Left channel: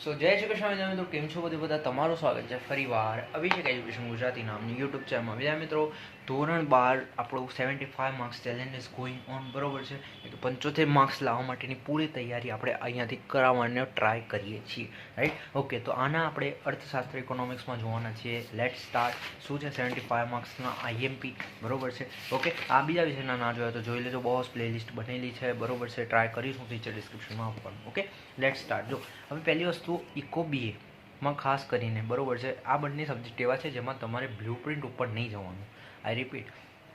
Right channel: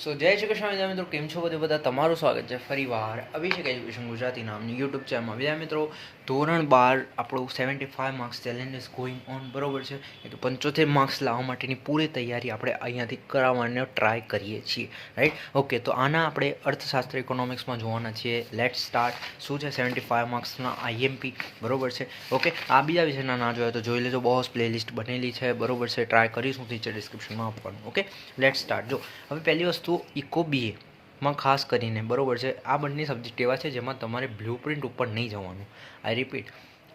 સો જય શ્રી કૃષ્ણ મિત્રો કેમ છો બધું બધા? તમારું સ્વાગત છે ફરીવાર અભિષેક એજ્યુકેશન ગુજરાતી નામની યુટ્યુબ ચેનલમાં વિદ્યા મિત્રો, ધોરણ બાર આપણું seventy five marks challenge is going on બરોબર છે? એટલે પંચોતેર માર્ક્સ લાવવા માટેની પૂરી તૈયારી આપણે અહીંયાથી કરાવવાનો ટ્રાય કરીએ છીએ રાઈટ ઓકે તો આના આપણે અર્થશાસ્ત્ર ઇકોનોમિક્સમાં જોવાના છીએ. લેટ સ્ટાર્ટ શું છે સેવન્ટી ફાઇવ માર્ક્સના આઈએમપી બરોબર છે? ઓકે આ બીજા વિષયના ના જોયા તો જોઈ લેજો બોસ પ્લેલિસ્ટ બનેલી છે. બરોબર છે? ટ્રાય કરીશું નીચે ડિસ્ક્રિપ્શનમાં આપવાનું ઓકે લેટ સ્ટાર્ટ જો, હવે પહેલી વસ્તુ ઇકો બીએ માં ખાસ કરીને, બરાબર છે? આ બંને સબ્જેક્ટ એવા છે જેમાં તમારે બ્લુ પ્રિન્ટ ઉપર નહીં જવાનું. આઈ રિપીટ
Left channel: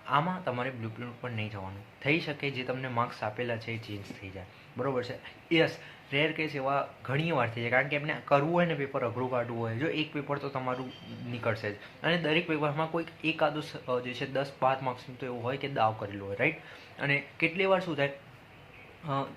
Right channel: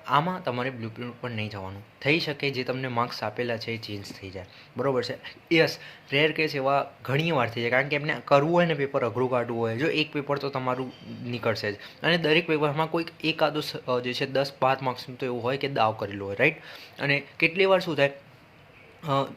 આમાં તમારે બ્લુ પ્રિન્ટ ઉપર નહીં જવાનું. થઈ શકે જે તમને માર્ક્સ આપેલા છે એ ચેન્જ થઈ જાય. બરાબર છે? યસ રેર કેસ એવા ઘણી વાર થઈ જાય. કારણ કે એમને કરવું હોય ને પેપર અઘરું કાઢવું હોય, જો એક પેપર તો તમારું નીકળશે જ. અને દરેક પેપરમાં કોઈક એકાદો જે છે દસ બાર માર્ક્સનું તો એવું હોય કે દાવ કરેલું હોય રાઈટ અને કેટલી વાર શું થાય?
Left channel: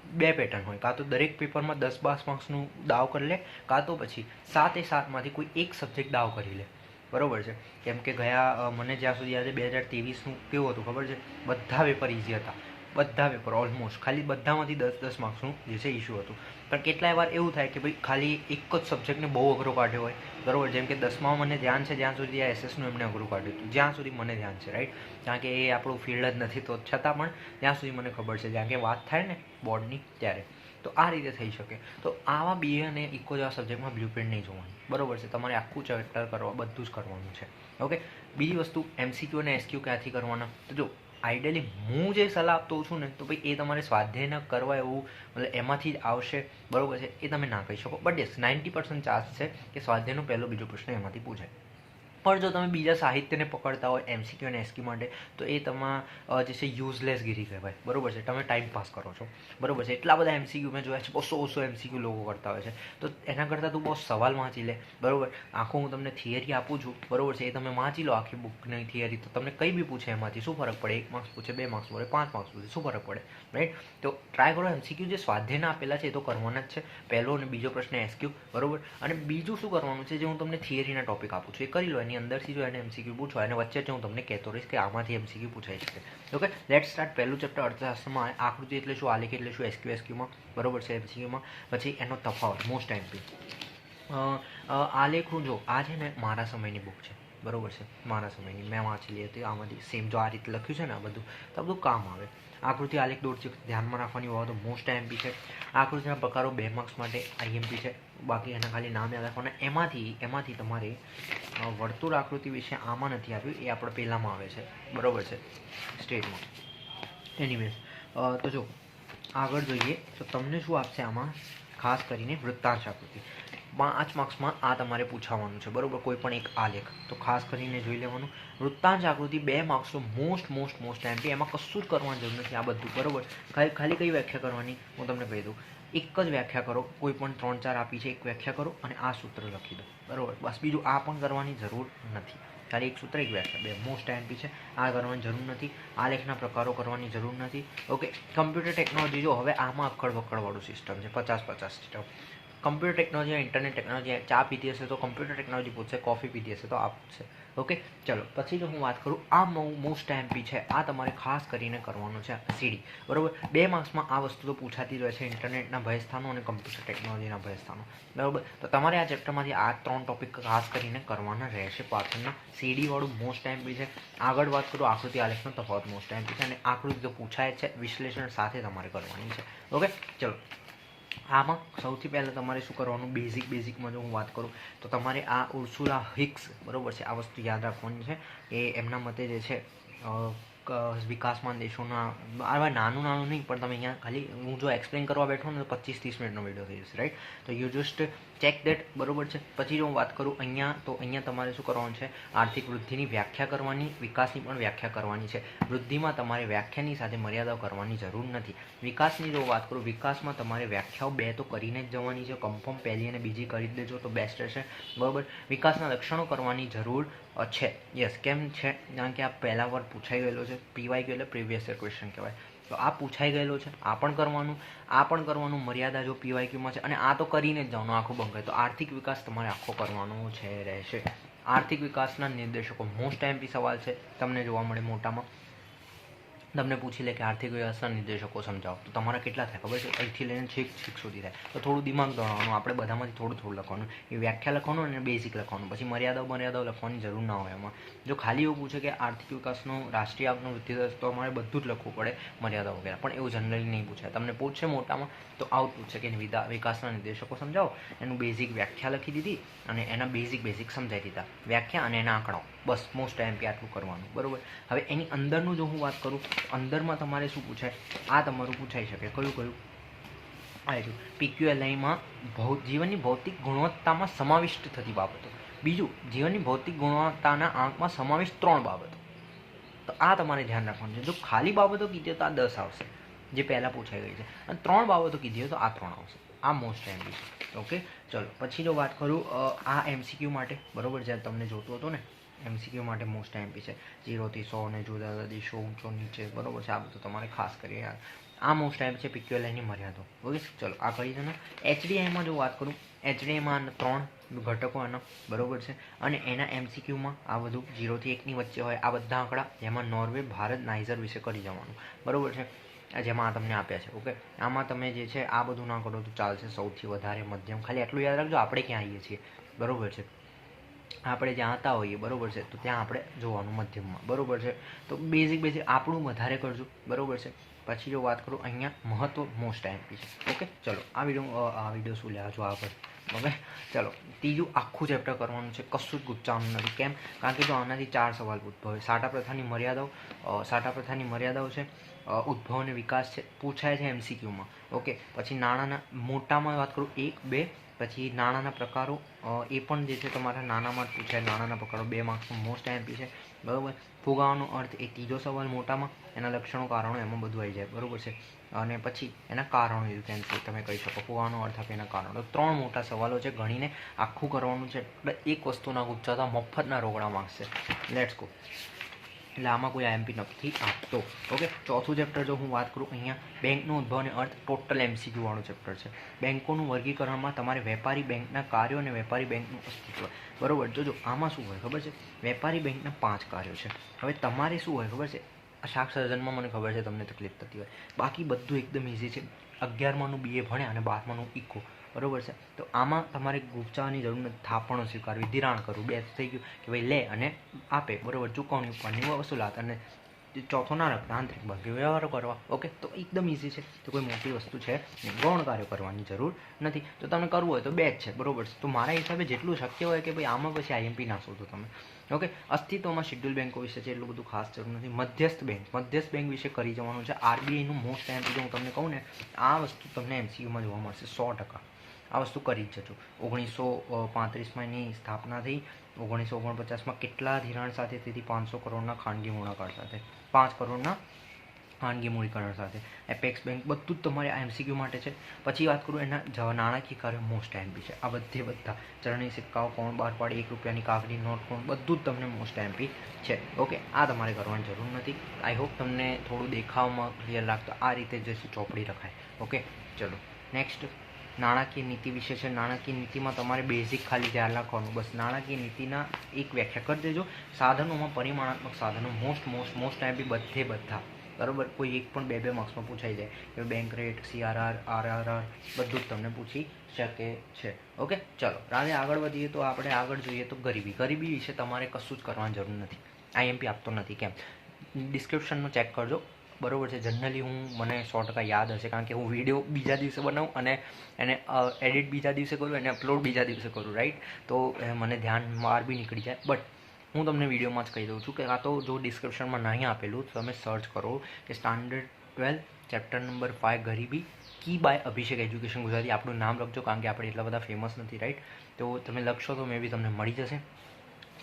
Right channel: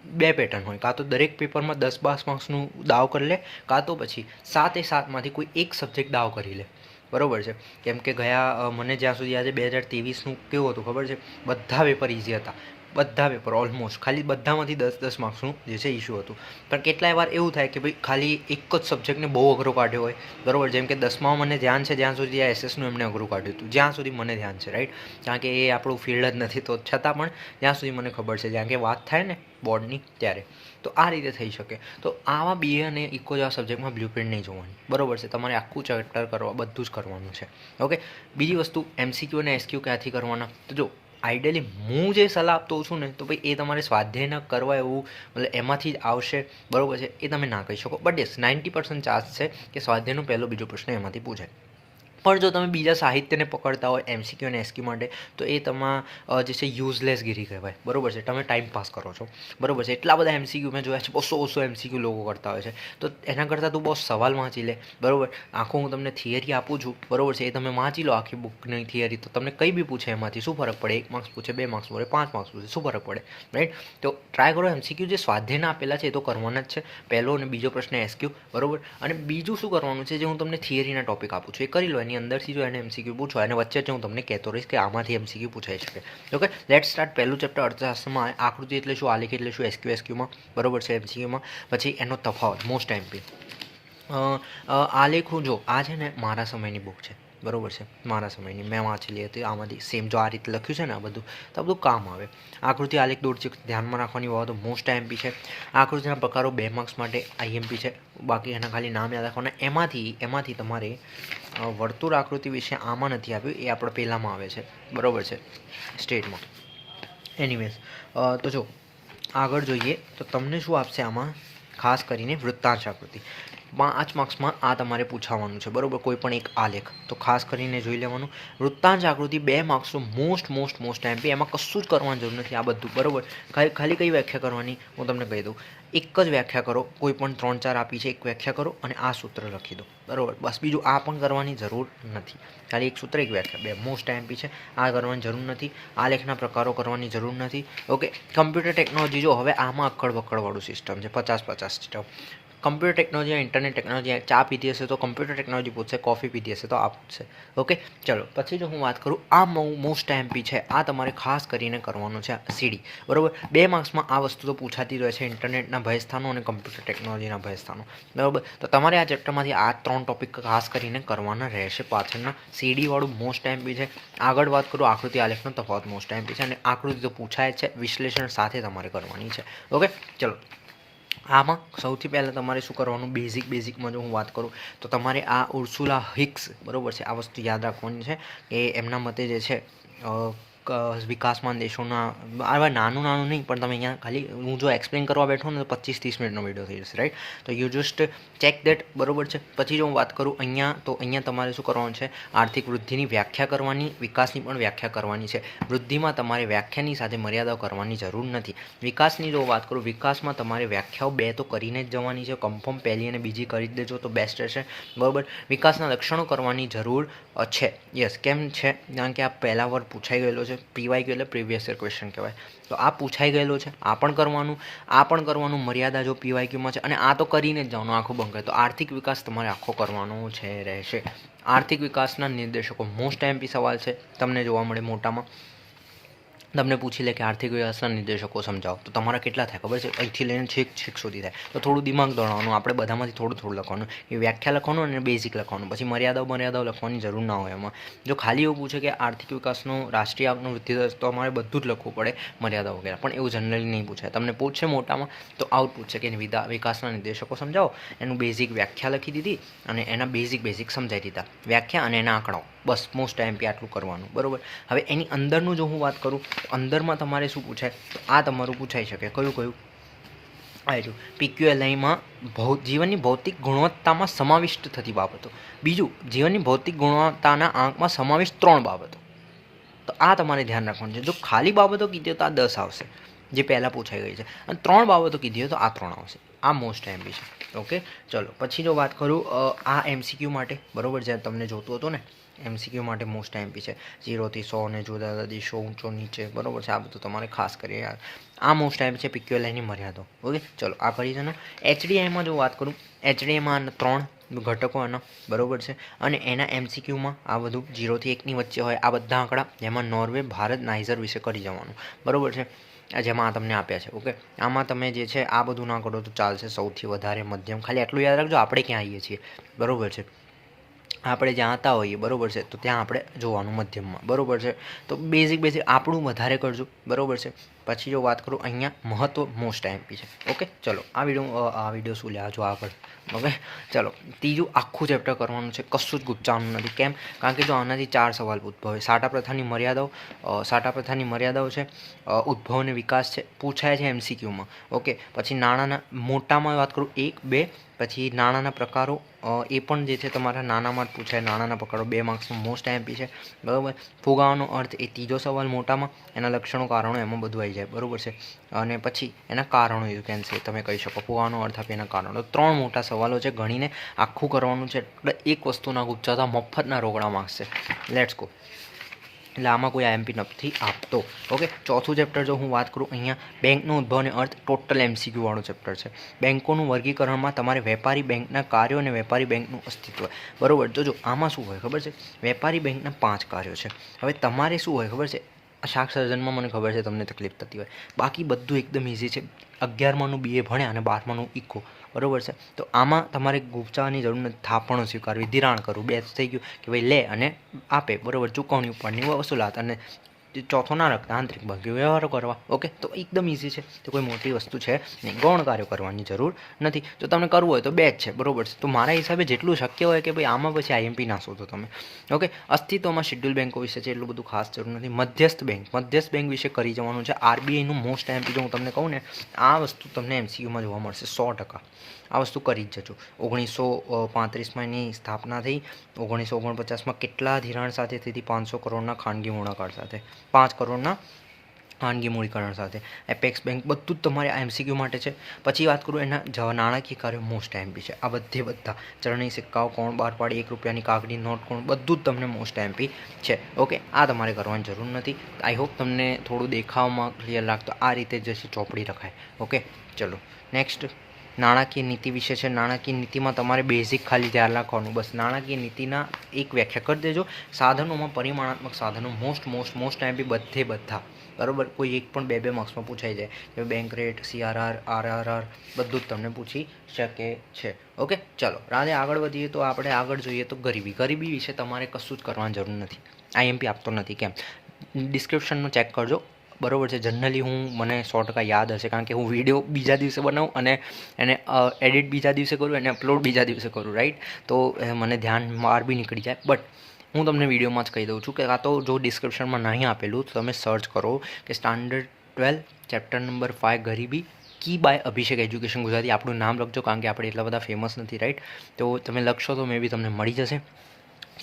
બે પેટર્ન હોય. કાં તો દરેક પેપરમાં દસ બાસ માર્ક્સનું દાવ કરી લે, કાં તો પછી સાતે સાતમાંથી કોઈ એક સબ્જેક્ટ દાવ કરી લે. બરોબર છે? કેમ કે ગયા મને જ્યાં સુધી આજે બે હજાર ત્રેવીસનું કેવું હતું, ખબર છે? બધા પેપર ઇઝી હતા. બધા પેપર ઓલમોસ્ટ ખાલી બધામાંથી દસ દસ માર્ક્સનું જે છે ઇસ્યુ હતું. પણ કેટલાય વાર એવું થાય કે ભાઈ ખાલી એક જ સબ્જેક્ટને બહુ અઘરો કાઢ્યો હોય. બરોબર, જેમ કે દસમાં મને ધ્યાન છે, જ્યાં સુધી આ એસએસનું એમને અઘરું કાઢ્યું હતું. જ્યાં સુધી મને ધ્યાન છે રાઈટ કારણ કે એ આપણું ફિલ્ડ જ નથી, તો છતાં પણ જ્યાં સુધી મને ખબર છે, જ્યાં કે વાત થાય ને બોર્ડની ત્યારે. તો આ રીતે થઈ શકે. તો આવા બીએ અને ઇકો જેવા સબ્જેક્ટમાં બ્લુ પ્રિન્ટ નહીં જોવાની. બરોબર છે, તમારે આખું ચેપ્ટર કરવા, બધું જ કરવાનું છે. ઓકે બીજી વસ્તુ એમસીક્યુ અને એસક્યુ ક્યાંથી કરવાના? તો જો આઈડિયલી હું જે સલાહ આપતો છું ને, તો ભાઈ એ તમારે સ્વાધ્યાય ન કરવા એવું, મતલબ એમાંથી જ આવશે, બરાબર છે? એ તમે ના કહી શકો. But yes ninety percent chance છે કે સ્વાધ્યાયનો પહેલો બીજો પ્રશ્ન એમાંથી પૂછાય. પણ જો તમે બીજા સાહિત્યને પકડતા હોય એમસીક્યુ અને એસક્યુ માટે, તો એ તમા જે છે યુઝલેસ ગીરી કહેવાય. બરાબર છે? તમે ટાઈમ પાસ કરો છો. બરોબર છે? એટલા બધા એમસીક્યુ મેં જોયા છે. બસો બસો એમસીક્યુ લોકો કરતા હોય છે. તો એના કરતાં તું બહુ સવાલ વાંચી લે. બરોબર? આખું હું તમને થિયરી આપું છું. બરોબર છે? એ તમે વાંચી લો આખી બુકની થિયરી તો તમને કંઈ બી પૂછે એમાંથી. શું ફરક પડે? એક માર્ક્સ પૂછે, બે માર્ક્સ પૂછે, પાંચ માર્ક્સ પૂછે. શું ફરક પડે? રાઈટ તો ટ્રાય કરો. એમસીક્યુ જે સ્વાધ્યાયના આપેલા છે, એ તો કરવાના જ છે. પહેલો અને બીજો પ્રશ્ન એસક્યુ બરાબર? અને બીજું શું કરવાનું છે? જે હું તમને થિયરીના ટોપિક આપું છું. એ કરી લો એની અંદરથી જો એને એમસીક્યુ પૂછો, અને વચ્ચે જ હું તમને કહેતો રહીશ કે આમાંથી એમસીક્યુ પૂછાઈ શકે. ઓકે લેટ સ્ટાર્ટ પહેલું ચેપ્ટર અર્થશાસ્ત્રમાં. આકૃતિ એટલે શું, આલેખ એટલે શું એસક્યુ એસક્યુમાં બરોબર છે એમસીક્યુમાં પછી એનો તફાવત મોસ્ટ એમપી આલેખ જો, આ છે ને મારા સમયની બુક છે. બરોબર છે. મારા સમયની. મેં વાંચેલી હતી, આમાંથી સેમ જો આ રીતે લખ્યું છે ને આ બધું, તો આ બધું કામ આવે. આકૃતિ આલેખ દોડ છે, ધ્યાનમાં રાખવાની બાબતો મોસ્ટ આઈએમપી છે. આકૃતિના પ્રકારો બે માર્ક્સ માટે આઈએમપી છે. બાકી એના ખાલી નામ યાદ રાખવાના. એમાંથી એમાંથી તમારે વર્તુળ આકૃતિ વિશે આમાં નથી આપ્યું. એ આપણે પહેલાંમાં આવે છે. બરાબર છે. સ્ટેટમાં. એનીવેઝ તો જો, આગળ જોઈએ તો તમને શું આપશે આમાં? ખાસ કરીને વૃત્તાંશ આકૃતિ. પાંચ માર્ક્સમાં આ તમારે પૂછાવાનું છે. બરાબર? કોઈ પણ એક આલેખ તો ખાસ કરીને જોઈ લેવાનું. વૃત્તાંશ આકૃતિ બે માર્ક્સનો મોસ્ટ મોસ્ટ મોસ્ટ એમપી એમાં કશું જ કરવાની જરૂર નથી આ બધું. બરાબર? ખાલી ખાલી કઈ વ્યાખ્યા કરવાની? હું તમને કહી દઉં. એક જ વ્યાખ્યા કરો. કોઈ પણ ત્રણ ચાર આપી છે, એક વ્યાખ્યા કરો અને આ સૂત્ર લખી દો. બરાબર? બસ બીજું આ પણ કરવાની જરૂર નથી. ખાલી એક સૂત્ર, એક વ્યાખ્યા. બે મોસ્ટ એમપી છે. આ કરવાની જરૂર નથી. આ લેખના પ્રકારો કરવાની જરૂર નથી. ઓકે. કમ્પ્યુટર ટેકનોલોજી જો હવે આમાં અક્કડ વક્કડવાળું સિસ્ટમ છે. પચાસ પચાસ system computer technology internet technology ચા પીધી હશે તો કમ્પ્યુટર ટેકનોલોજી પૂછશે કોફી પીધી હશે તો આ પૂછશે. ઓકે ચલો, પછી જો હું વાત કરું, આ મોસ્ટ એમપી છે, આ તમારે ખાસ કરીને કરવાનું છે સીડી બરોબર? બે માર્ક્સમાં આ વસ્તુ તો પૂછાતી જ હોય છે ઇન્ટરનેટના ભયસ્થાનો અને કમ્પ્યુટર ટેકનોલોજીના ભયસ્થાનો. બરાબર? તો તમારે આ ચેપ્ટરમાંથી આ ત્રણ ટોપિક ખાસ કરીને કરવાના રહેશે પાછળના. સીડીવાળું મોસ્ટ એમપી છે. આગળ વાત કરું, આકૃતિ આલેખનો તફાવત મોસ્ટ એમપી છે અને આકૃતિ તો પૂછાય છે, વિશ્લેષણ સાથે તમારે કરવાની છે. ઓકે ચલો. આમાં સૌથી પહેલાં તમારે શું કરવાનું? બેઝિક બેઝિકમાં જો હું વાત કરું, તો તમારે આ ઉર્સુલા હિક્સ બરાબર છે, આ વસ્તુ યાદ રાખવાની છે કે એમના મતે જે છે વિકાસમાન દેશોના, આવા નાનું નાનું નહીં, પણ તમે અહીંયા ખાલી, હું જો એક્સપ્લેન કરવા બેઠો ને તો પચીસ ત્રીસ મિનિટનો વીડિયો થઈ જશે રાઈટ તો યુ જસ્ટ ચેક દેટ બરોબર છે? પછી જો હું વાત કરું અહીંયા, તો અહીંયા તમારે શું કરવાનું છે? આર્થિક વૃદ્ધિની વ્યાખ્યા કરવાની, વિકાસની પણ વ્યાખ્યા કરવાની છે. વૃદ્ધિમાં તમારે વ્યાખ્યાની સાથે મર્યાદાઓ કરવાની જરૂર નથી. વિકાસની જો વાત કરું, વિકાસમાં તમારે વ્યાખ્યાઓ બે તો કરીને જ જવાની છે કન્ફર્મ પહેલી અને બીજી કરી દેજો તો બેસ્ટ રહેશે, બરોબર? વિકાસના લક્ષણો કરવાની જરૂર છે. યસ કેમ છે? કારણ કે આ પહેલા વાર પૂછાઈ ગયેલો છે. પીવાઈ ગયો એટલે પ્રીવિયસ યર ક્વેશ્ચન કહેવાય. તો આ પૂછાઈ ગયેલો છે, આ પણ કરવાનું, આ પણ કરવાનું, મર્યાદા જો પીવાય ક્યુમાં છે, અને આ તો કરીને જ જવાનું આખું બંધ તો આર્થિક વિકાસ તમારે આખો કરવાનો છે, રહેશે. આર્થિક વિકાસના નિર્દેશકો મોસ્ટ એમપી સવાલ છે, તમને જોવા મળે મોટામાં. તમને પૂછી લે કે આર્થિક વ્યવસ્થા નિર્દેશકો સમજાવો. તો તમારા કેટલા થાય? ખબર છે? અહીંથી લઈને છેક છેક સુધી થાય. તો થોડું દિમાગ દોડવાનું, આપણે બધામાંથી થોડું થોડું લખવાનું. એ વ્યાખ્યા લખવાનું અને બેઝિક લખવાનું. પછી મર્યાદાઓ મર્યાદાઓ લખવાની જરૂર ના હોય એમાં. જો ખાલી એવું પૂછે કે આર્થિક વિકાસનો, રાષ્ટ્રીય આપનો વૃદ્ધિ દર, તો અમારે બધું જ લખવું પડે મર્યાદા વગેરે. પણ એવું જનરલી નહીં પૂછાય. તમને પૂછશે મોટામાં, તો આવું પૂછશે કે વિદા, વિકાસના નિર્દેશકો સમજાવો. એનું બેઝિક વ્યાખ્યા લખી દીધી અને એના બેઝિક બેઝિક સમજાવી દીધા. વ્યાખ્યા અને એના આંકડાઓ. બસ મોસ્ટ ટાઈમ આટલું કરવાનું, બરાબર? હવે એની અંદરનું જો હું વાત કરું, અંદરમાં તમારે શું પૂછાય? આ તમારું પૂછાઈ શકે. કયું કયું? આ જો, પીક્યુએલઆઈમાં ભૌ, જીવનની ભૌતિક ગુણવત્તામાં સમાવિષ્ટ થતી બાબતો. બીજું, જીવનની ભૌતિક ગુણવત્તાના આંકમાં સમાવિષ્ટ ત્રણ બાબતો. તો આ તમારે ધ્યાન રાખવાનું છે. જો ખાલી બાબતો કીધી તો આ દસ આવશે, જે પહેલાં પૂછાઈ ગઈ છે. અને ત્રણ બાબતો કીધી તો આ ત્રણ આવશે. આ મોસ્ટ એમપી છે. ઓકે? ચલો, પછી જો વાત કરું આ એમસીક્યુ માટે, બરાબર? જ્યારે તમને જોતું હતું ને એમસીક્યુ માટે મોસ્ટ એમપી છે. જીરોથી સો ને જુદા જુદા દેશો, ઊંચો, નીચે, બરાબર છે? આ બધું તમારે ખાસ કરી યાર આ મોસ્ટ ટાઈમ છે પીક્યુએલઆઈની મર્યાદો. ઓકે? ચલો, આ કરી છે એચડીઆઈમાં જો વાત કરું એચડીઆઈમાં ત્રણ ઘટકો એના, બરોબર છે? અને એના એમસીક્યુમાં આ બધું જીરોથી એકની વચ્ચે હોય, આ બધા આંકડા જેમાં નોર્વે ભારત નાઇઝર વિશે કરી જવાનું. બરાબર છે? જેમાં આ તમને આપ્યા છે, ઓકે? આમાં તમે જે છે, આ બધું ના કરો તો ચાલશે સૌથી વધારે મધ્યમ. ખાલી આટલું યાદ રાખજો, આપણે ક્યાં આવીએ છીએ. બરોબર છે? આપણે જ્યાં આવતા હોઈએ, બરોબર છે? તો ત્યાં આપણે જોવાનું મધ્યમમાં, બરાબર છે? તો બેઝિક બેઝિક આપણું વધારે કરજો, બરાબર છે? પછી જો વાત કરું અહીંયા મહત્વ મોસ્ટ એમપી છે ઓકે ચલો, આ વીડિયો આ વીડિયો શું લે? જો આગળ. ઓકે ચલો, ત્રીજું આખું ચેપ્ટર કરવાનું છે કશું જ ગુચ્ચાવાનું નથી. કેમ? કારણ કે જો આનાથી ચાર સવાલ ઉદ્ભવે. સાટા પ્રથાની મર્યાદાઓ સાટા પ્રથાની મર્યાદાઓ છે ઉદ્ભવ અને વિકાસ છે, પૂછાય છે એમસીક્યુમાં. ઓકે, પછી નાણાંના, મોટામાં વાત કરું, એક, બે, પછી નાણાંના પ્રકારો એ પણ જે છે તમારા નાનામાં જ પૂછાય. નાણાંના પ્રકારો, બે માર્ક્સમાં મોસ્ટ એમપી છે. બરાબર? ફુગાવાનો અર્થ એ ત્રીજો સવાલ મોટામાં, એના લક્ષણો, કારણો એમાં બધું આવી જાય. બરાબર છે? અને પછી એના કારણો યુ કેન સે તમે કહી શકો. ફુવાનો અર્થ આપે એના કારણો. ત્રણ મોટા સવાલો છે ગણીને આખું કરવાનું છે. એટલે એક વસ્તુના ગુચ્છાતા મફતના રોકડા માગશે. લેટ્સ ગો એટલે આમાં કોઈ આઈએમપી નથી આપતો. ઓકે ચોથું ચેપ્ટર જો હું વાત કરું, અહીંયા બેંકનો ઉદ્ભવ અને અર્થ ટોટલ એમસીક્યુ વાળું ચેપ્ટર છે. બેંકોનું વર્ગીકરણમાં તમારે વેપારી બેંકના કાર્યો અને વેપારી બેંકનું અસ્તિત્વ. બરોબર? તો જો આમાં શું હોય ખબર છે? વેપારી બેંકના પાંચ કાર્યો છે. હવે તમારે શું હોય ખબર છે? શાક સર્જનમાં મને ખબર છે તમને તકલીફ થતી હોય. બાકી બધું એકદમ ઇઝી છે. અગિયારમાંનું બીએ ભણ્યા અને બારમાનું ઇકો બરાબર છે? તો આમાં તમારે ગુપચાવાની જરૂર નથી. થાપણો સ્વીકારવી, ધિરાણ કરવું. બે થઈ ગયું કે ભાઈ લે અને આપે. બરાબર? ચૂકવણી ઉપરની વસૂલાત અને ચોથો ના રાખતા આંતરિક ભાગ્ય વ્યવહારો કરવા. ઓકે? તો એકદમ ઇઝી છે. તો કોઈ મોટી વસ્તુ છે નહીં. ગૌણ કાર્યો કરવાની જરૂર નથી. જો તમને કરવું હોય તો બે જ છે. બરોબર છે? તો મારા હિસાબે જેટલું શક્ય હોય કે ભાઈ આમાં પછી આઈએમપી ના શોધો તમે. ઓકે? અસ્તિત્વમાં શેડ્યુલ બેંકો વિશે છે એટલું બધું ખાસ જરૂર નથી. મધ્યસ્થ બેંક મધ્યસ્થ બેંક વિશે કરી જવાનું છે. આરબીઆઈનું મોસ્ટ એમપી જો હું તમને કહું ને, આ વસ્તુ તમને એમસીયુમાં જોવા મળશે સો ટકા. આ વસ્તુ કરી જ જજો. ઓગણીસો પાંત્રીસમાં એની સ્થાપના થઈ. ઓગણીસો ઓગણપચાસમાં કેટલા ધિરાણ સાથે તેથી પાંચસો કરોડના ખાનગી મૂળાકાર સાથે. પાંચ કરોડના ખાનગી મૂડીકરણ સાથે. એપેક્સ બેંક બધું જ તમારે આ એમસીક્યુ માટે છે. પછી વાત કરું એના જવા નાણાકીય કાર્યો મોસ્ટ એમપી છે. આ બધે બધા. ચરણી સિક્કાઓ કોણ, બાર પાડી, એક રૂપિયાની કાગડી નોટ કોણ, બધું જ તમને મોસ્ટ એમપી છે. ઓકે, આ તમારે કરવાની જરૂર નથી. આઈ હોપ તમને થોડું દેખાવમાં ક્લિયર લાગતો. આ રીતે જશે ચોપડી રખાય. ઓકે, ચલો. નેક્સ્ટ. નાણાકીય નીતિ વિશે છે. નાણાકીય નીતિમાં તમારે બેઝિક ખાલી ધ્યાન રાખવાનું. બસ નાણાકીય નીતિના એક વ્યાખ્યા કરી દેજો. સાધનોમાં પરિમાણાત્મક સાધનો મોસ્ટ મોસ્ટ મોસ્ટ એમપી બધે બધા. બરાબર? કોઈ એક પણ બે બે માર્ક્સમાં પૂછાઈ જાય. કે બેંક રેટ સીઆરઆર આરઆરઆર બધું જ તમને પૂછી શકે છે. ઓકે? ચલો, રાધે આગળ વધીએ તો આપણે આગળ જોઈએ તો ગરીબી. ગરીબી વિશે તમારે કશું જ કરવાની જરૂર નથી. આઈએમપી આપતો નથી. કેમ? ડિસ્ક્રિપ્શનનું ચેક કરજો. બરોબર છે. જનરલી હું, મને સો ટકા યાદ હશે કારણ કે હું વીડિયો બીજા દિવસે બનાવું અને એને એડિટ બીજા દિવસે કરું અને અપલોડ બીજા દિવસે કરું રાઈટ તો મને ધ્યાન માર બી નીકળી જાય. બટ હું તમને વિડીયોમાં જ કહી દઉં છું કે કાં તો જો ડિસ્ક્રિપ્શનમાં નહીં આપેલું, તો તમે સર્ચ કરો કે standard twelve chapter number five ગરીબી કી બાય અભિષેક એજ્યુકેશન ગુજરાતી. આપણું નામ લખજો કારણ કે આપણે એટલા બધા ફેમસ નથી રાઈટ તો તમે લખશો તો મે બી તમને મળી જશે.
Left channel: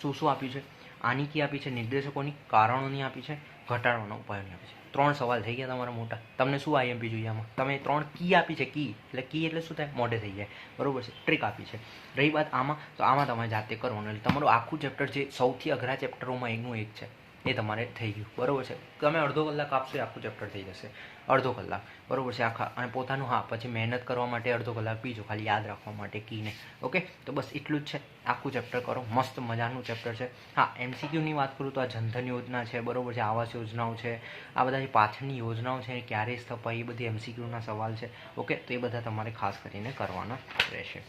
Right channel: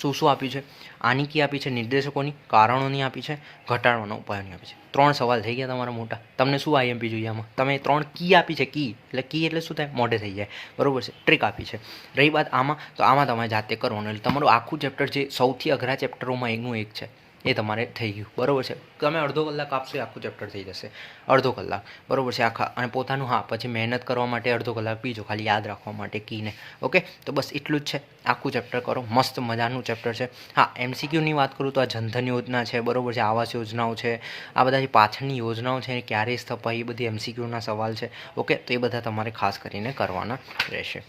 શું શું આપ્યું છે? આની કી આપી છે? નિર્દેશકોની કારણોની આપી છે? ઘટાડવાના ઉપાયોની આપી છે? ત્રણ સવાલ થઈ ગયા તમારા મોટા. તમને શું આઈએમપી જોઈએ આમાં? તમે ત્રણ કી આપી છે? કી. એટલે કી એટલે શું થાય? મોઢે થઈ જાય. બરોબર છે? ટ્રીક આપી છે. રહી વાત આમાં? તો આમાં તમારે જાતે કરવાનું. એટલે તમારું આખું ચેપ્ટર જે સૌથી અઘરા ચેપ્ટરોમાં એકનું એક છે. એ તમારે થઈ ગયું. બરાબર છે? તમે અડધો કલાક આપશો આખું ચેપ્ટર થઈ જશે. અડધો કલાક. બરોબર છે? આખા, અને પોતાનું, હા, પછી મહેનત કરવા માટે અડધો કલાક, બીજો ખાલી યાદ રાખવા માટે કીને. ઓકે? તો બસ એટલું જ છે. આખું ચેપ્ટર કરો. મસ્ત મજાનું ચેપ્ટર છે. હા, એમસીક્યુની વાત કરું તો આ જનધન યોજના છે, બરોબર છે? આવાસ યોજનાઓ છે. આ બધા જે પાછળની યોજનાઓ છે, એ ક્યારે સ્થપાઈ એ બધી એમસીક્યુના સવાલ છે. ઓકે? તો એ બધા તમારે ખાસ કરીને કરવાના રહેશે.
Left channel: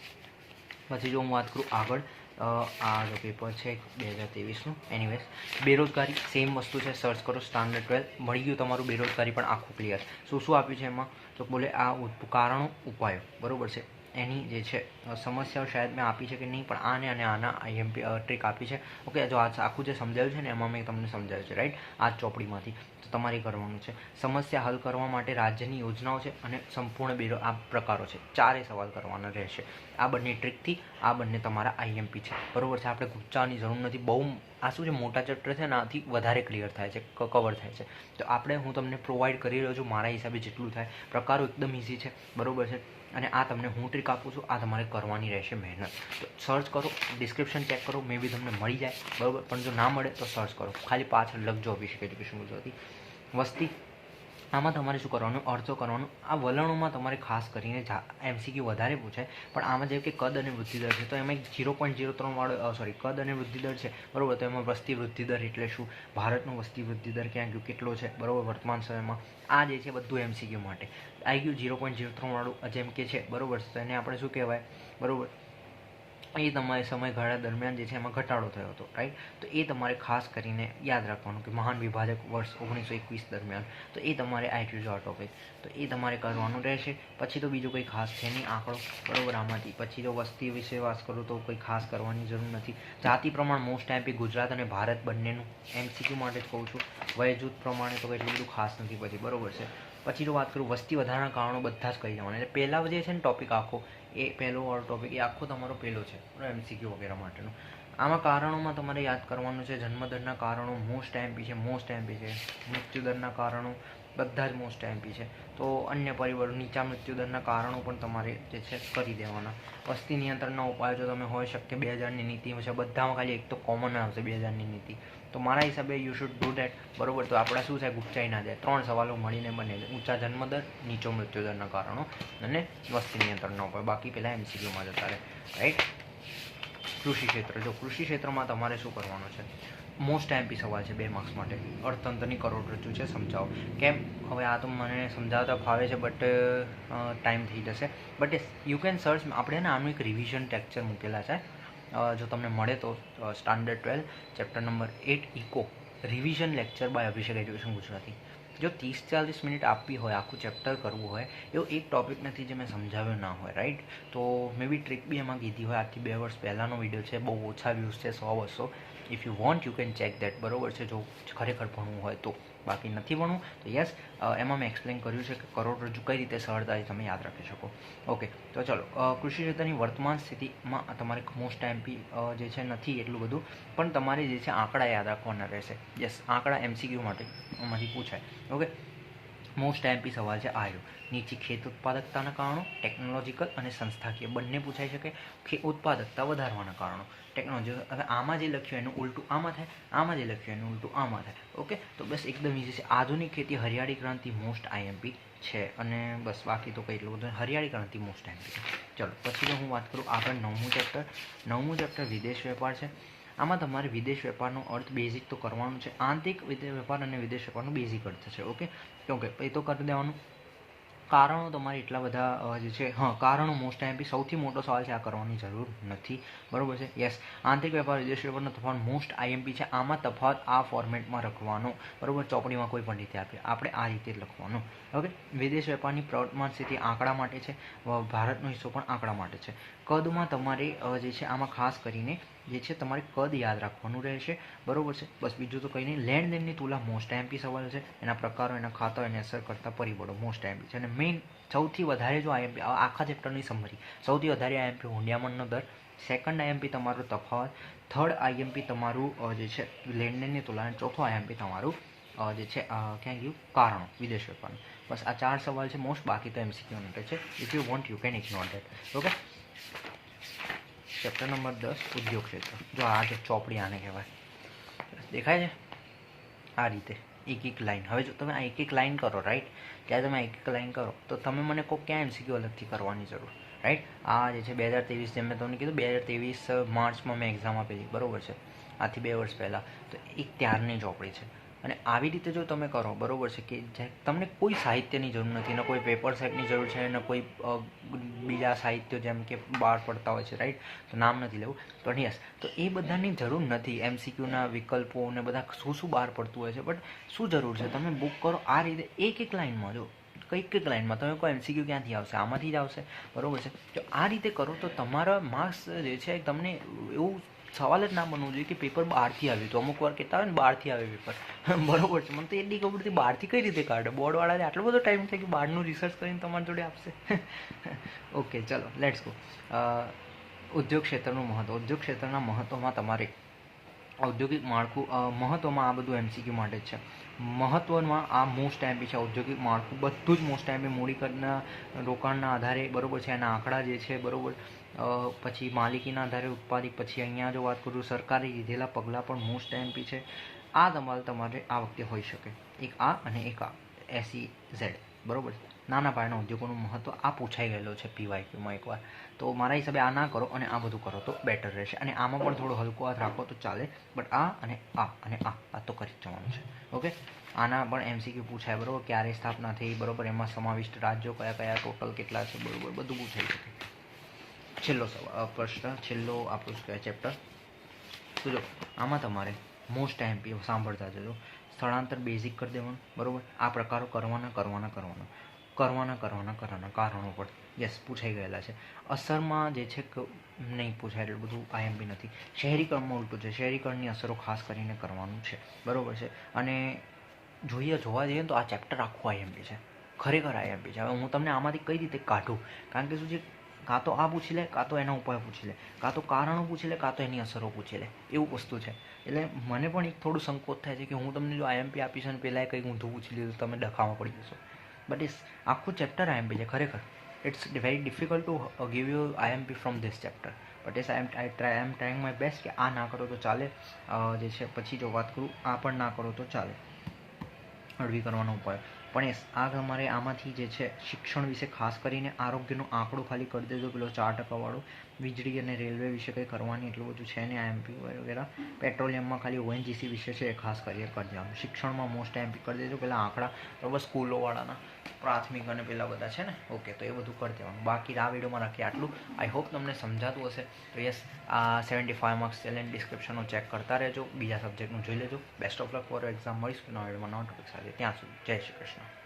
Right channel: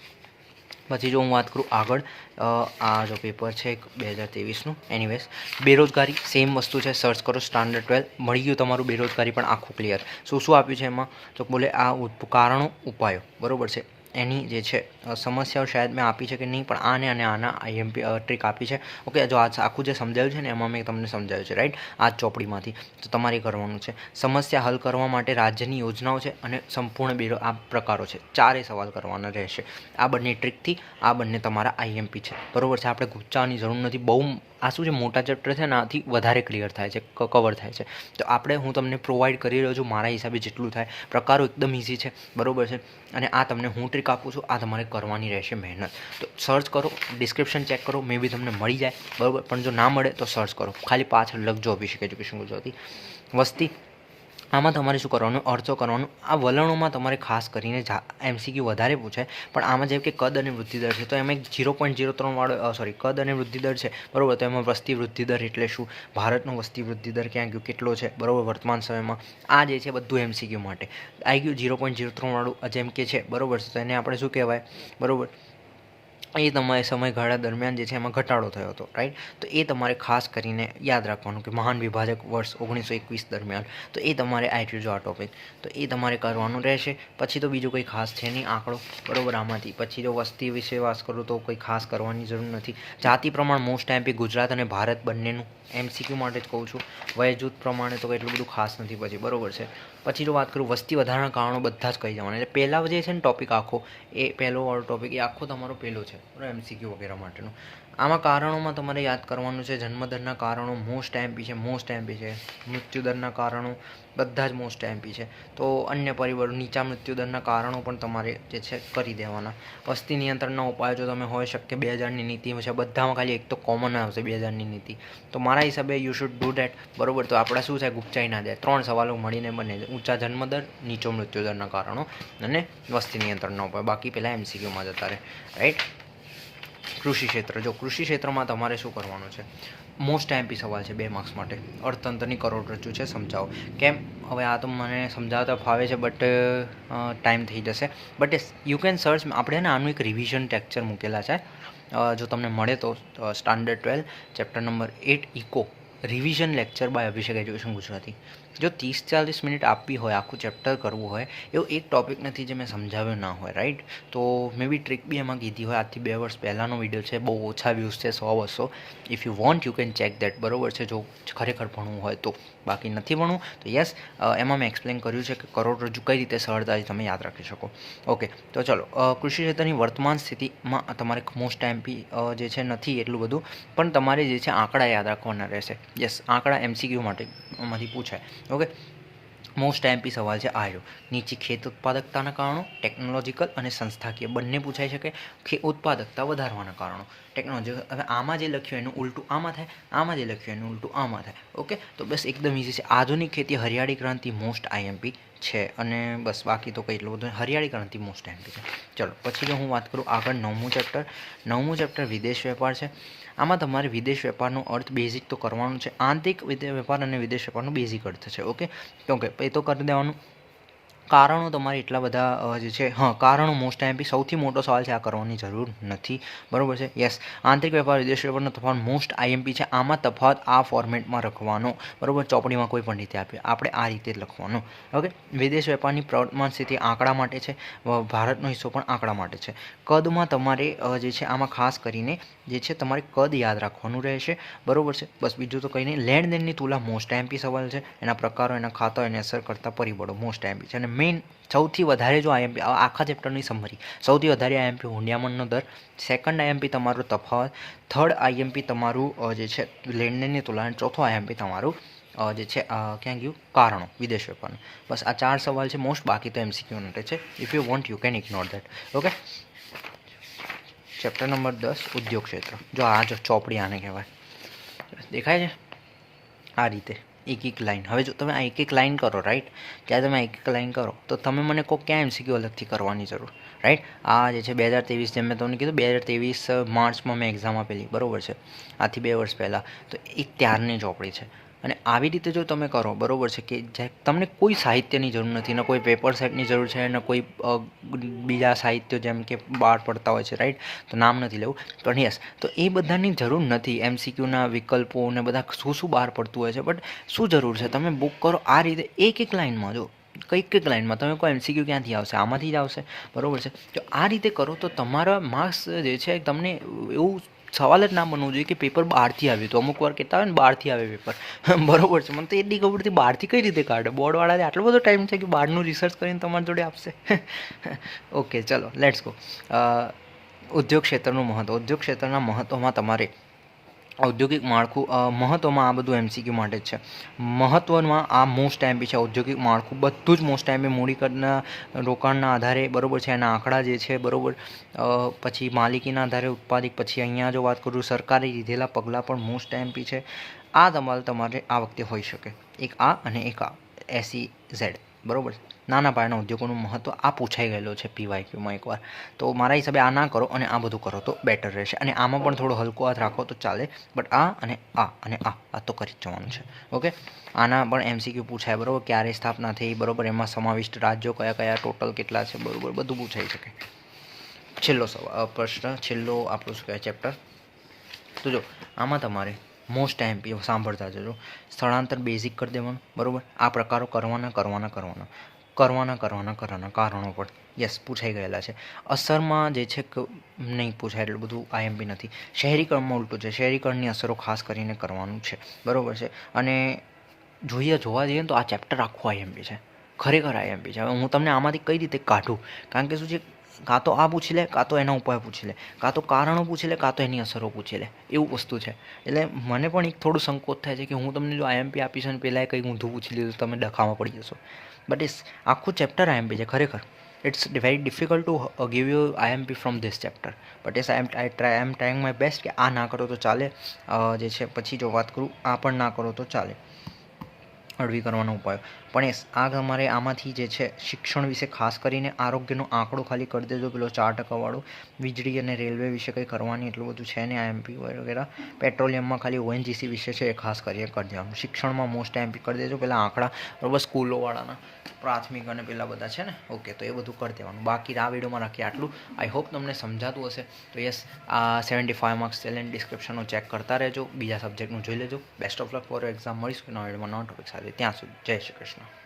પછી જો હું વાત કરું આગળ આ જો પેપર છે બે હજાર ત્રેવીસનું. એનીવેઝ બેરોજગારી સેમ વસ્તુ છે સર્ચ કરો સ્ટાન્ડર્ડ ટ્વેલ્વ મળી ગયું તમારું બેરોજગારી પણ આખું ક્લિયર શું શું આપ્યું છે એમાં? તો બોલે આ કારણો, ઉપાયો. બરાબર છે? એની જે છે સમસ્યાઓ શાયદ મેં આપી છે કે નહીં, પણ આને અને આના આઈએમપી ટ્રીક આપી છે. ઓકે, જો આ આખું જે સમજાયું છે ને, એમાં મેં તમને સમજાવ્યું છે, રાઈટ? આ ચોપડીમાંથી. તો તમારે કરવાનું છે, સમસ્યા હલ કરવા માટે રાજ્યની યોજનાઓ છે અને સંપૂર્ણ બેરો, આ પ્રકારો છે. ચારે સવાલ કરવાના રહેશે. આ બંને ટ્રીકથી આ બંને તમારા આઈએમપી છે. બરોબર છે, આપણે ગુચ્ચાની જરૂર નથી. બહુ આ શું છે, મોટા ચેપ્ટર છે આથી વધારે ક્લિયર થાય છે કવર થાય છે. તો આપણે હું તમને પ્રોવાઈડ કરી રહ્યો છું, મારા હિસાબે જેટલું થાય. પ્રકારો એકદમ ઇઝી છે. બરોબર છે? અને આ તમને હું ટ્રીક આપું છું. આ તમારે કરવાની રહેશે મહેનત. તો સર્ચ કરો ડિસ્ક્રિપ્શન ચેક કરો મે બી તમને મળી જાય. બરાબર? પણ જો ના મળે તો સર્ચ કરો. ખાલી પાછળ લખજો અભિષેક એજ્યુકેશન ગુજરાતી. વસ્તી આમાં તમારે શું કરવાનું? અર્થો કરવાનું. આ વલણોમાં તમારે ખાસ કરીને એમસીક્યુ વધારે પૂછાય. પણ આમાં જેમ કે કદ અને વૃદ્ધિદર છે, તો એમાં એક જીરો પોઈન્ટ ઝીરો ત્રણ વાળો સોરી કદ અને વૃદ્ધિદર છે. બરાબર? તો એમાં વસ્તી વૃદ્ધિદર એટલે શું? ભારતનો વસ્તી વૃદ્ધિદર ક્યાં ગયો? કેટલો છે? બરાબર? વર્તમાન સમયમાં. આ જે છે બધું એમસીક્યુ માટે. આવી ગયું ઝીરો પોઈન્ટ ઝીરો ત્રણ વાળું જેમ કે છે. બરોબર? તો એને આપણે શું કહેવાય? બરોબર? એ તમારે સમયગાળા દરમિયાન જે છે એમાં ઘટાડો થયો હતો રાઈટ તો એ તમારે ખાસ કરીને યાદ રાખવાનું કે મહાન વિભાજક વર્ષ ઓગણીસો એકવીસ દરમિયાન. તો એ તમારે આવી જો આ ટોપિક તો એ તમારે કરવાનું રહેશે. પછી તો બીજું કંઈ ખાસ છે નહીં, આંકડો, બરોબર? આમાંથી. પછી જો વસ્તી વિશે વાત કરું તો કોઈ ખાસ કરવાની જરૂર નથી. જાતિ પ્રમાણ મોસ્ટ ટાઈમ ગુજરાત અને ભારત બંનેનું એમસીક્યુ માટે જ કહું છું. વય જૂથ પ્રમાણે તો એટલું બધું ખાસ નથી પછી, બરોબર છે? પછી જો વાત કરું વસ્તી વધારાના કારણો બધા જ કહી જવાના. એટલે પહેલાં જે છે ને ટોપિક આખો, એ પહેલો ટોપિક એ આખો તમારો પહેલો છે, એમસીક્યુ વગેરે માટેનો. આમાં કારણોમાં તમારે યાદ કરવાનું છે. જન્મદરના કારણો મોસ્ટ એમપી છે મોસ્ટ એમપી છે. મૃત્યુદરના કારણો બધા જ મોસ્ટ એમપી છે. તો અન્ય પરિબળો, નીચા મૃત્યુદરના કારણો પણ તમારે જે છે કરી દેવાના. વસ્તી નિયંત્રણના ઉપાયો જો તમે હોય શકે બે હજારની નીતિ છે, બધામાં ખાલી એક તો કોમન આવશે બે હજારની નીતિ. તો મારા હિસાબે યુ શુડ ડુ ડેટ બરોબર? તો આપણા શું છે ગુપચાઈ ના દે ત્રણ સવાલો મળીને બને ઊંચા જન્મદર, નીચો મૃત્યુદરના કારણો અને વસ્તી નિયંત્રણના ઉપાય. બાકી પહેલાં એમસીક્યુમાં જતા રહે. રાઈટ કૃષિ ક્ષેત્ર. જો કૃષિ ક્ષેત્રમાં તમારે શું કરવાનું છે? મોસ્ટ એમપી સવાલ છે બે માર્ક્સ માટે. અર્થતંત્રની કરોડરજ્જુ છે, સમજાવો. કેમ? હવે આ તો મને સમજાવતા ફાવે છે બટ ટાઈમ થઈ જશે. બટ યુ કેન સર્ચ આપણે ને આનું એક રિવિઝન ટેક્ચર મૂકેલા છે. જો તમને મળે તો standard twelve chapter number eight eco revision lecture by Abhishek education Gujarati જો ત્રીસ ચાલીસ મિનિટ આપવી હોય, આખું ચેપ્ટર કરવું હોય, એવું એક ટોપિક નથી જે મેં સમજાવ્યો ના હોય રાઈટ તો મેં બી ટ્રીક બી એમાં કીધી હોય. આજથી બે વર્ષ પહેલાંનો વીડિયો છે, બહુ ઓછા વ્યૂઝ છે, સો બસો. If you want you can check that બરોબર છે? જો ખરેખર ભણવું હોય તો. બાકી નથી ભણવું, તો યસ એમાં મેં એક્સપ્લેન કર્યું છે કે કરોડરજ્જુ કઈ રીતે સરળતાથી તમે યાદ રાખી શકો. ઓકે તો ચલો કૃષિ ક્ષેત્રની વર્તમાન સ્થિતિમાં તમારે મોસ્ટ એમપી જે છે નથી એટલું બધું, પણ તમારે જે છે આંકડા યાદ રાખવાના રહેશે. યસ આંકડા એમસીક્યુ માટે માંથી પૂછાય. ઓકે મોસ્ટ એમપી સવાલ છે આયરો નીચી ખેત ઉત્પાદકતાના કારણો ટેકનોલોજીકલ અને સંસ્થાકીય બંને પૂછાઈ શકે ખે ઉત્પાદકતા વધારવાના કારણો. ટેકનોલોજી હવે આમાં જે લખ્યું એનું ઉલટું આમાં થાય, આમાં જે લખ્યું એનું ઉલટું આમાં થાય. ઓકે તો બસ એકદમ ઇઝી છે. આધુનિક ખેતી હરિયાળી ક્રાંતિ મોસ્ટ આઈએમપી છે અને બસ બાકી તો કંઈ એટલું બધું હરિયાળી ક્રાંતિ મોસ્ટ એમપી છે. ચલો, પછી જો હું વાત કરું આગળ નવમું ચેપ્ટર નવમું ચેપ્ટર વિદેશ વેપાર છે. આમાં તમારે વિદેશ વેપારનો અર્થ બેઝિક તો કરવાનો છે. આંતરિક વેપાર અને વિદેશ વેપારનો બેઝિક અર્થ છે ઓકે ઓકે એ તો કરી દેવાનું. કારણો તમારે એટલા બધા જે છે, હા, કારણો મોસ્ટ ટાઈમ સૌથી મોટો સવાલ છે, આ કરવાની જરૂર નથી. બરાબર છે? યસ આંતરિક વેપાર, વિદેશ વેપારનો તફાવત મોસ્ટ આઈએમપી છે. આમાં તફાવત આ ફોર્મેટમાં રખવાનો. બરોબર? ચોપડીમાં કોઈ પણ રીતે આપીએ આપણે આ રીતે લખવાનો. ઓકે વિદેશ વેપારની પ્રવર્તમાન સ્થિતિ આંકડા માટે છે. ભારતનો હિસ્સો પણ આંકડા માટે છે. કદમાં તમારે જે છે, આમાં ખાસ કરીને જે છે, તમારે કદ યાદ રાખવાનું રહેશે. બરોબર છે? બસ બીજું તો કંઈ નહીં. લેણદેણની તુલા મોસ્ટ એમપી સવાલ છે. એના પ્રકારો, એના ખાતા એને અસર કરતા પરિબળો મોસ્ટ એમપી છે. અને મેઇન સૌથી વધારે જો આઈએમપી આખા ચેપ્ટરની સમરી સૌથી વધારે આઈએમપી હુંડિયામણનો દર. સેકન્ડ આઈએમપી તમારો તફાવત. થર્ડ આઈએમપી તમારું જે છે, લેણદેણની તુલા. અને ચોથો આઈએમપી તમારું જે છે ક્યાં ગયું? કારણો. વિદેશ વેપારનું. બસ આ ચાર સવાલ છે. મોસ્ટ બાકી તો એમસીક્યુ માટે છે. If you want you can ignore that okay chapter number દસ, ઉદ્યોગ ક્ષેત્ર. જો આ જો ચોપડી આને કહેવાય. દેખાય છે? આ રીતે. એક એક લાઈન. હવે જો તમે આ એક એક લાઈન કરો રાઈટ ત્યારે તમે એક એક લાઇન કરો, તો તમે મને કહો ક્યાં એમસીક્યુ અલગથી કરવાની જરૂર રાઈટ આ જે છે બે હજાર ત્રેવીસ, જેમ મેં તમને કીધું, બે હજાર ત્રેવીસ માર્ચમાં મેં એક્ઝામ આપેલી. બરાબર છે? આથી બે વર્ષ પહેલાં. તો એ ત્યારની ચોપડી છે. અને આવી રીતે જો તમે કરો, બરાબર છે કે તમને કોઈ સાહિત્યની જરૂર નથી, ને કોઈ પેપર સેટની જરૂર છે, ને કોઈ બીજા સાહિત્ય જેમ કે બહાર પડતા હોય છે રાઈટ તો નામ નથી લેવું. પણ યસ તો એ બધાની જરૂર નથી. એમસીક્યુના વિકલ્પો ને બધા શું શું બહાર પડતું હોય છે બટ શું જરૂર છે? તમે બુક કરો, આ રીતે એક એક લાઇનમાં જો, કંઈક કંઈક લાઇનમાં તમે કોઈ એમસીક્યુ ક્યાંથી આવશે? આમાંથી જ આવશે. બરાબર છે? તો આ રીતે કરો તો તમારા માર્ક્સ જે છે, તમને એવું સવાલ જ ના બનવું જોઈએ કે પેપર બહારથી આવ્યું હતું અમુક વાર કહેતા હોય ને, બહારથી આવે પેપર બરોબર છે. મને તો એટલી ખબર હતી, બહારથી કઈ રીતે કાઢે? બોર્ડવાળાને આટલો બધો ટાઈમ છે કે બહારનું રિસર્ચ કરીને તમારી જોડે આપશે? ઓકે ચલો લેટ્સ ગો ઉદ્યોગ ક્ષેત્રનું મહત્ત્વ ઉદ્યોગ ક્ષેત્રના મહત્ત્વમાં તમારે ઔદ્યોગિક માળખું મહત્ત્વમાં આ બધું એમસીક્યુ માટે જ છે. મહત્ત્વમાં આ મોસ્ટ એમપી છે ઔદ્યોગિક માળખું. બધું જ મોસ્ટ એમપી મૂડીકરના રોકાણના આધારે, બરાબર છે, એના આંકડા જે છે, બરોબર. પછી માલિકીના આધારે ઉત્પાદિત, પછી અહીંયા જો વાત કરું સરકારે લીધેલા પગલાં પણ મોસ્ટ એમપી છે. આ તમારે તમારે આ વખતે હોઈ શકે. એક આ અને એક આ. એસી ઝેડ બરોબર નાના પાયાના ઉદ્યોગોનું મહત્ત્વ આ પૂછાઈ ગયેલો છે પીવાયક્યુમાં એકવાર. તો મારા હિસાબે આ ના કરો અને આ બધું કરો તો બેટર રહેશે. અને આમાં પણ થોડો હલકો હાથ રાખો તો ચાલે. બટ આ અને આ અને આ આ તો કરી જ જવાનું છે. ઓકે? આના પણ એમસીક્યુ પૂછાય, બરાબર? ક્યારે સ્થાપના થઈ, બરાબર? એમાં સમાવિષ્ટ રાજ્યો કયા કયા, ટોટલ કેટલા છે, બરાબર? બધું પૂછાઈ શકે. છેલ્લો પ્રશ્ન, છેલ્લો આપણું શું કહેવાય ચેપ્ટર. તો જો, આમાં તમારે મોસ્ટ એમપી સાંભળતા જજો સ્થળાંતર બેઝિક કરી દેવાનું, બરાબર? આ પ્રકારો કરવાના કરવાના કરવાના. કરવાના કરવાના કરવાના કારણો પણ યસ પૂછાઈ ગયેલા છે. અસરમાં જે છે કે નહીં પૂછાય એટલું બધું આઈએમપી નથી. શહેરીકરણમાં ઉલટું છે. શહેરીકરણની અસરો ખાસ કરીને કરવાનું છે. બરાબર છે? અને જોઈએ, જોવા જઈએ તો આ ચેપ્ટર આખું આઈએમપી છે. ખરેખર આઈએમપી છે. હવે હું તમને આમાંથી કઈ રીતે કાઢું? કારણ કે શું છે? કાં તો આ પૂછી લે કાં તો એના ઉપાય પૂછી લે કાં તો કારણો પૂછી લે કાં તો એની અસરો પૂછી લે એવું વસ્તુ છે. એટલે મને પણ એક થોડું સંકોચ થાય છે કે હું તમને જો આઈએમપી આપીશ અને પહેલાં કંઈક ઊંધું પૂછી લીધું તમે ડખામાં પડી જશો. બટ ઇસ આખું ચેપ્ટર આઈએમપી છે, ખરેખર. It's very difficult to give you IMP from this chapter but is I am I try I am trying my best કે આ ના કરો તો ચાલે. જે છે, પછી જો વાત કરું, આ પણ ના કરો તો ચાલે. હળવી કરવાનો ઉપાય. પણ એ આ તમારે આમાંથી જે છે, શિક્ષણ વિશે ખાસ કરીને આરોગ્યનો આંકડો ખાલી કરી દેજો, પેલો ચાર ટકાવાળો. વીજળી અને રેલવે વિશે કંઈ કરવાની એટલું બધું છે ને આઈએમપી વગેરે. પેટ્રોલિયમમાં ખાલી ઓએનજીસી વિશે છે એ ખાસ કરીને કરી દેવાનું. શિક્ષણમાં મોસ્ટ એમપી કરી દેજો, પેલા આંકડા. બરાબર, સ્કૂલોવાળાના. પ્રાથમિક અને પેલા બધા છે ને? ઓકે તો એ બધું કરી દેવાનું. બાકી આ વિડીયોમાં રાખીએ આટલું. આઈ હોપ તમને સમજાતું હશે. તો યસ આ સેવન્ટી ફાઇવ માર્ક્સ ચેલેન્જ ડિસ્ક્રિપ્શનનું ચેક કરતા રહેજો. બીજા સબ્જેક્ટનું જોઈ લેજો. Best of luck for exam મળીશું નવા વિડીયોમાં. નવા ટોપિક સાથે. ત્યાં સુધી. જય શ્રી કૃષ્ણ.